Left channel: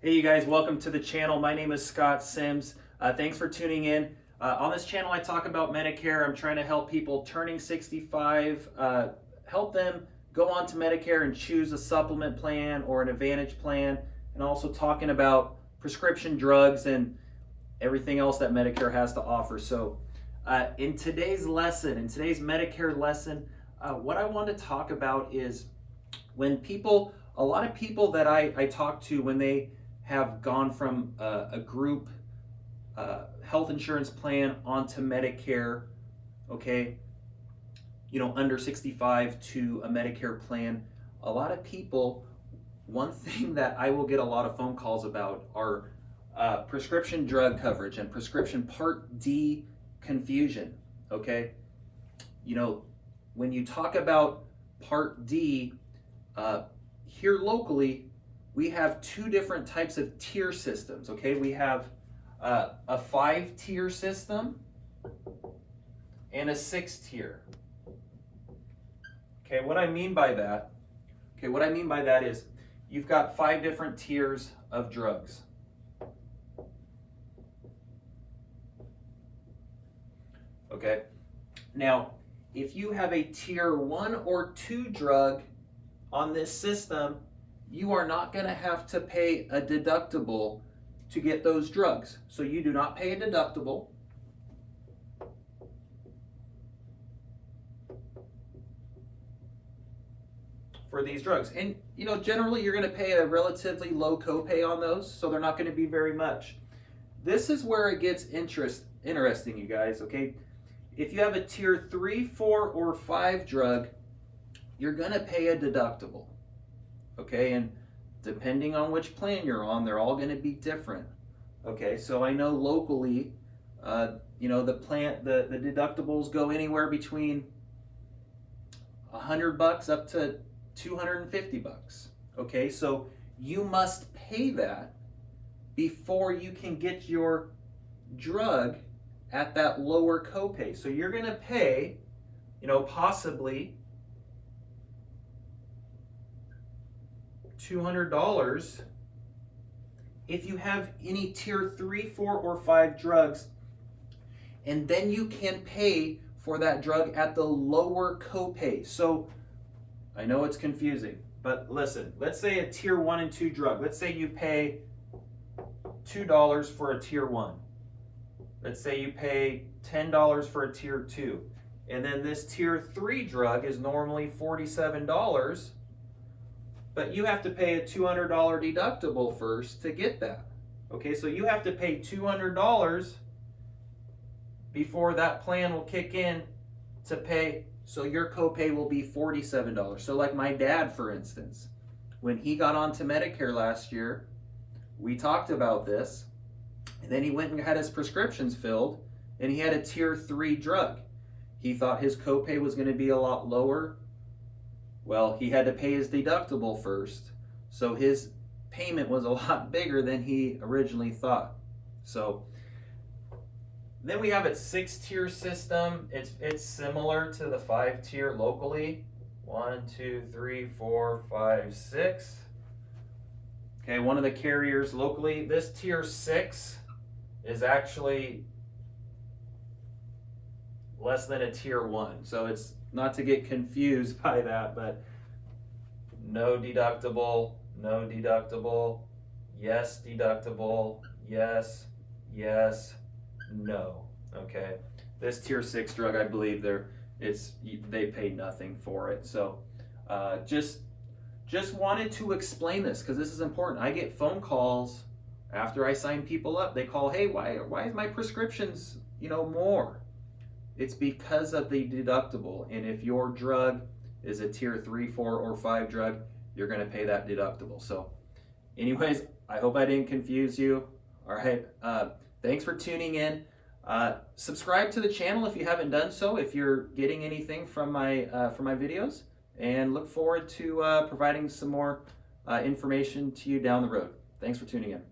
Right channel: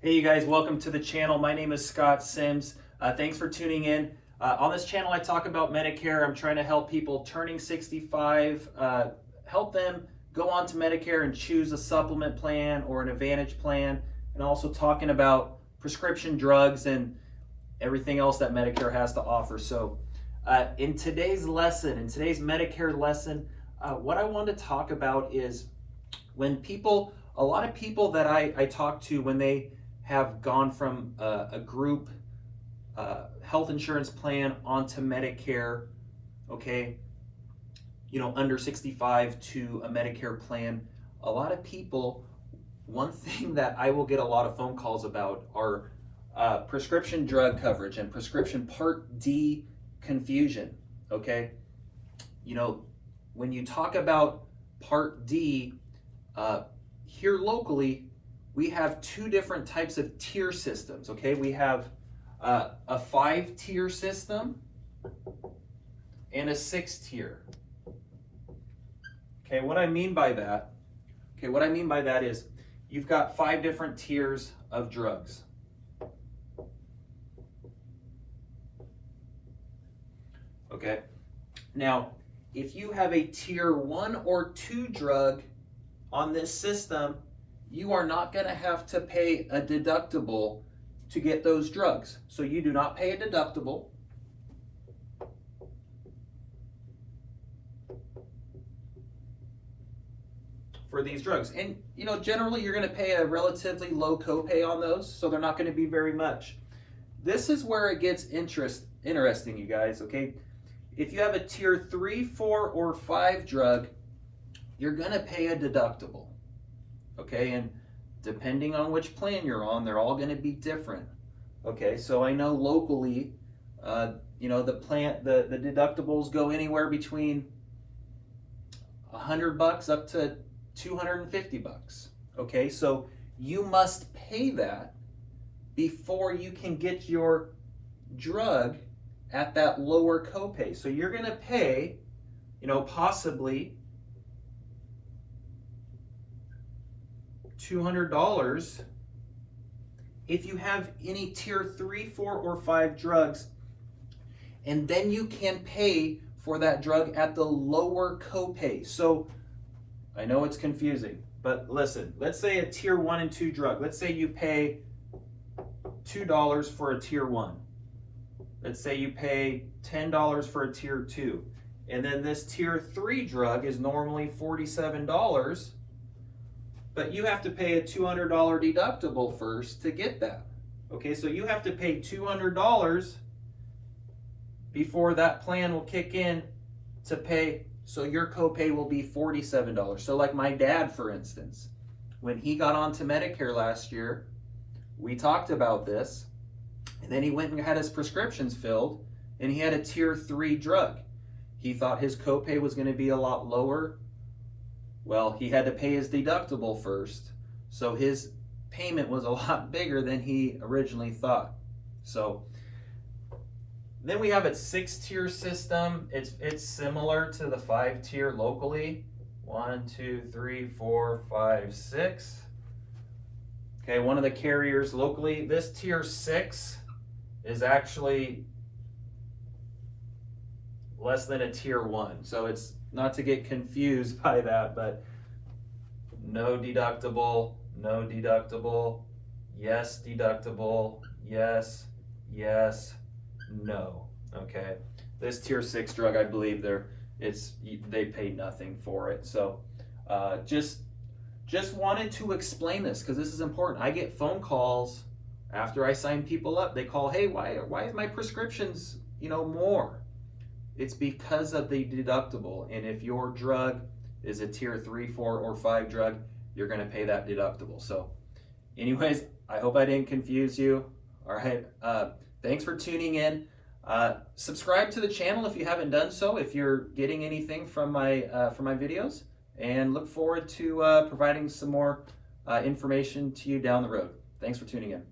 Hey you guys, welcome to the channel. My name is Scott Sims. Thanks for tuning in. On this channel I talk about Medicare. I'm trying to help people turning 65, help them go on to Medicare and choose a supplement plan or an Advantage plan, and also talking about prescription drugs and everything else that Medicare has to offer. So in today's Medicare lesson, what I want to talk about is a lot of people that I talk to, when they have gone from a group health insurance plan onto Medicare, okay, under 65 to a Medicare plan, a lot of people, one thing that I will get a lot of phone calls about are prescription drug coverage and prescription Part D confusion, okay? When you talk about Part D, here locally, we have two different types of tier systems, okay? We have a 5-tier system and a 6-tier. Okay, what I mean by that is you've got 5 different tiers of drugs. Okay, now if you have a tier 1 or 2 drug on this system, you are not going to have to pay a deductible to get those drugs. So you do not pay a deductible. For these drugs. And generally you're going to pay a relatively low copay on those, so they're not going to be very much. This is where it gets interesting, you guys, okay? If you have a tier 3, 4, or 5 drug, you're going to pay a deductible. Okay, and depending on which plan you're on, they're all going to be different. Okay, so I know locally, the deductibles go anywhere between $100 up to $250. Okay, so you must pay that before you can get your drug at that lower copay. So you're going to pay, possibly $200 if you have any tier 3, 4, or 5 drugs, and then you can pay for that drug at the lower copay. So I know it's confusing, but listen, let's say a tier 1 and 2 drug. Let's say you pay $2 for a tier 1. Let's say you pay $10 for a tier 2. And then this tier 3 drug is normally $47, but you have to pay a $200 deductible first to get that. Okay, so you have to pay $200 before that plan will kick in to pay, so your copay will be $47. So like my dad, for instance, when he got onto Medicare last year, we talked about this, and then he went and had his prescriptions filled, and he had a tier 3 drug. He thought his copay was going to be a lot lower. Well, he had to pay his deductible first, so his payment was a lot bigger than he originally thought. So then we have a 6-tier system. It's similar to the 5-tier locally. 1, 2, 3, 4, 5, 6. Okay, one of the carriers locally. This tier 6 is actually less than a tier 1. So it's not to get confused by that, but no deductible, yes deductible, yes, no. Okay, this tier 6 drug, I believe they pay nothing for it. So just wanted to explain this because this is important. I get phone calls after I sign people up. They call, hey, why is my prescriptions more? It's because of the deductible, and if your drug is a tier 3, 4, or 5 drug, you're going to pay that deductible. So anyways, I hope I didn't confuse you. All right, thanks for tuning in. Subscribe to the channel if you haven't done so, if you're getting anything from my videos, and look forward to providing some more information to you down the road. Thanks for tuning in.